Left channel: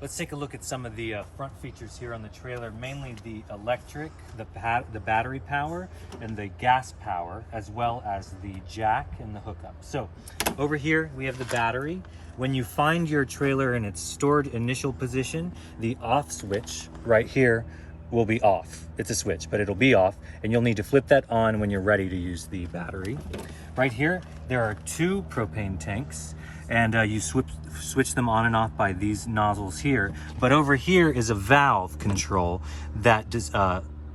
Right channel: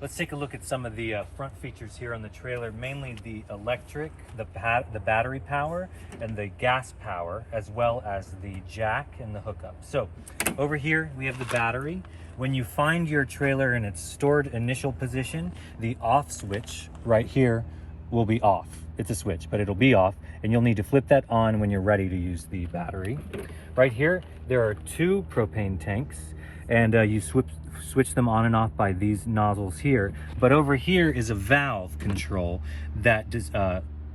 Let's take a look at some of the front features here on the trailer, mainly the electric, the battery power, and the gas power, as well as the jack and the hookup. So over here we have the battery. When you find your trailer in its stored initial position, the off switch right here will be off. It's a switch, but it'll be off, and you'll need to flip that on when you're ready to use the battery. Right here, there are 2 propane tanks, and you switch them on and off by these nozzles here. But over here is a valve control that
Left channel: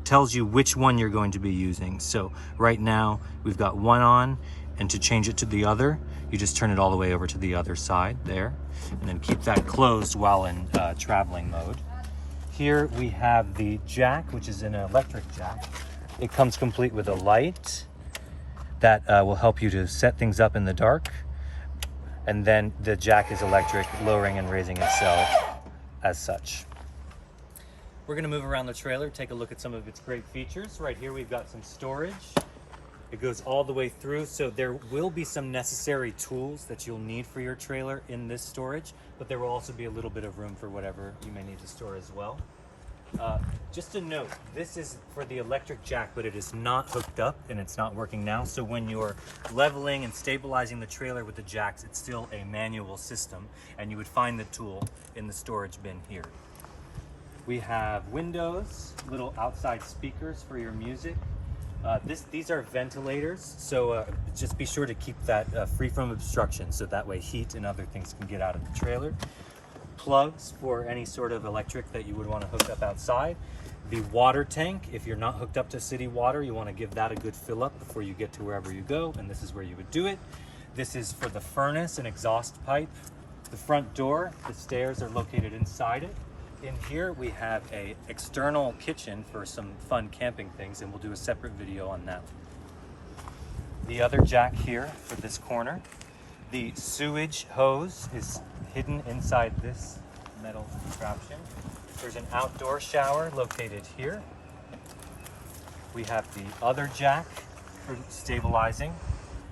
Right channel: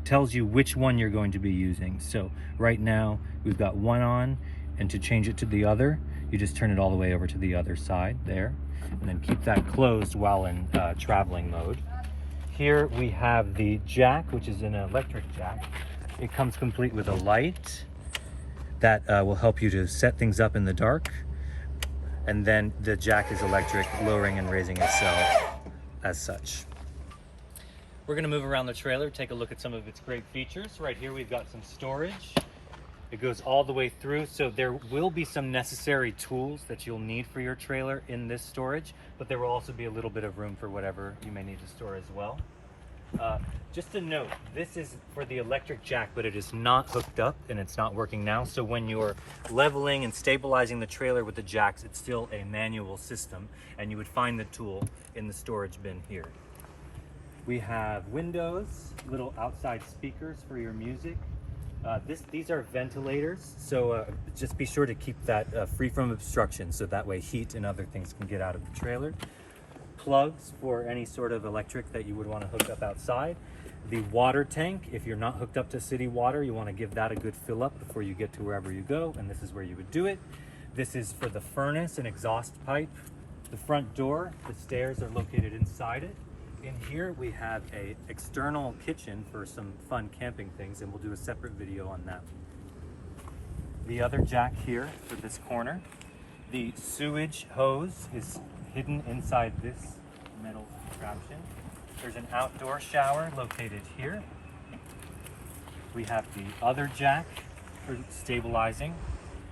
tells you which one you're going to be using. So right now, we've got one on, and to change it to the other, you just turn it all the way over to the other side there, and then keep that closed while in traveling mode. Here we have the jack, which is an electric jack. It comes complete with a light that will help you to set things up in the dark. And then the jack is electric, lowering and raising itself as such. We're gonna move around the trailer, take a look at some of its great features. Right here we've got some storage. It goes all the way through, so there will be some necessary tools that you'll need for your trailer in this storage, but there will also be a little bit of room for whatever you may need to store as well. Just a note, this is for the electric jack, but it is not hooked up and it's not working now. So when you're leveling and stabilizing the trailer with the jacks, it's still a manual system, and you would find the tool in the storage bin here. We have windows, little outside speakers for your music. These are ventilators, so just be sure to keep that free from obstruction, so that way heat and other things can get out of the trailer. Plugs for any sort of electric that you would want to hook up outside. The water tank, if you're not hooked up to city water, you want to give that a good fill up before you get to wherever you go, and this is where you would do it. This is for the furnace and exhaust pipe. The front door, the stairs are located inside it. In here we have a external kitchen for some fun camping things, and we'll do a separate video on that. The other jack here for this corner. The sewage hose is hidden inside this metal contraption. There's an outdoor shower located here. We have the other jack for stabilizing.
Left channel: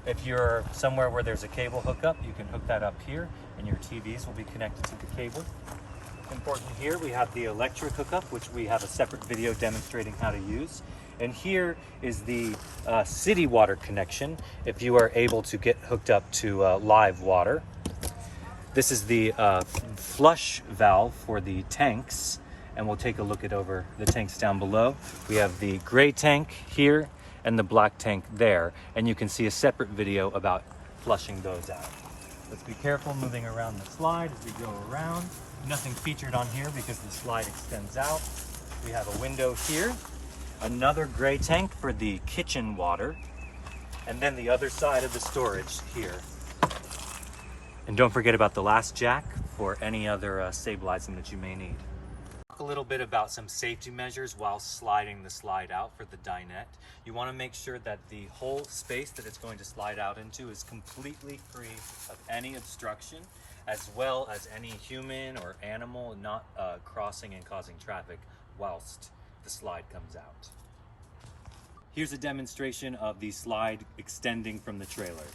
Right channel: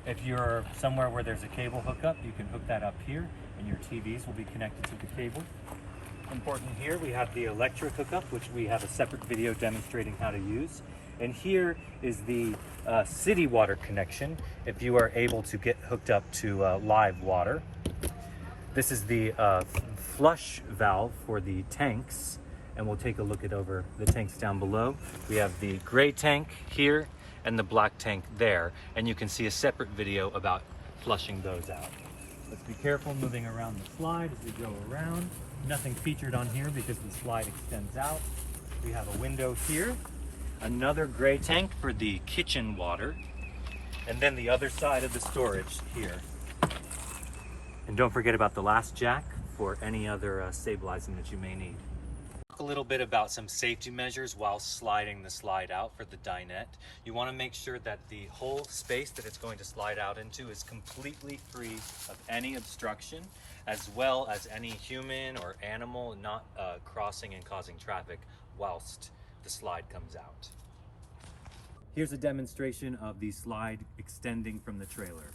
If you're somewhere where there's a cable hookup, you can hook that up here, and your TVs will be connected to the cable. Important here, we have the electric hookup, which we have a separate video demonstrating how to use. And here is the city water connection, if you are able to get hooked up to live water. This is the flush valve for the tanks, and we'll take a look at over the tanks down below. We have the gray tank here and the black tank there, and you can see a separate video about flushing those out. Let's be careful moving around the slide as we go around. Nothing featured on here because the slide extends out. We have a window here, another gray tank for the kitchen water, and then the other side of the storage here. And don't forget about the last jack for any other stabilizing that you may need. Talk a little bit about some safety measures while sliding the slide out for the dinette. You want to make sure that the whole space that it's going to slide out into is completely free of any obstruction, as well as any human or animal not crossing and causing traffic whilst the slide comes out. Here's a demonstration of the slide extending from the trailer.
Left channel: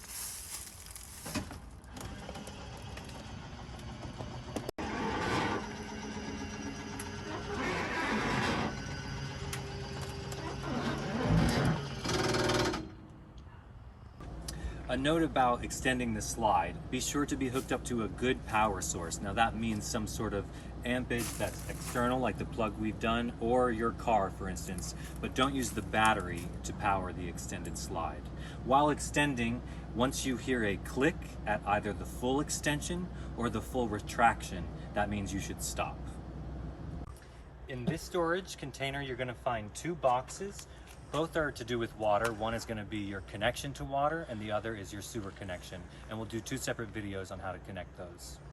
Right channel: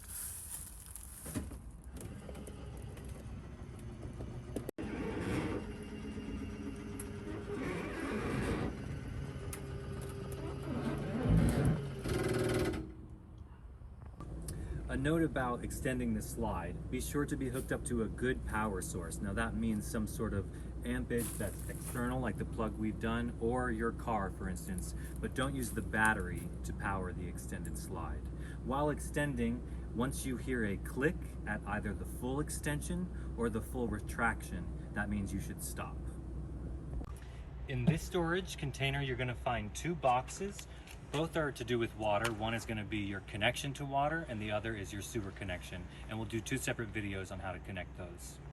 A note about extending the slide: be sure to be hooked up to a good power source. Now that means some sort of ampage that's external, like the plug we've done, or your car for instance, but don't use the battery to power the extended slide. While extending, once you hear a click at either the full extension or the full retraction, that means you should stop. In this storage container, you're going to find 2 boxes. Both are to do with water. One is going to be your connection to water, and the other is your sewer connection. And we'll do 2 separate videos on how to connect those.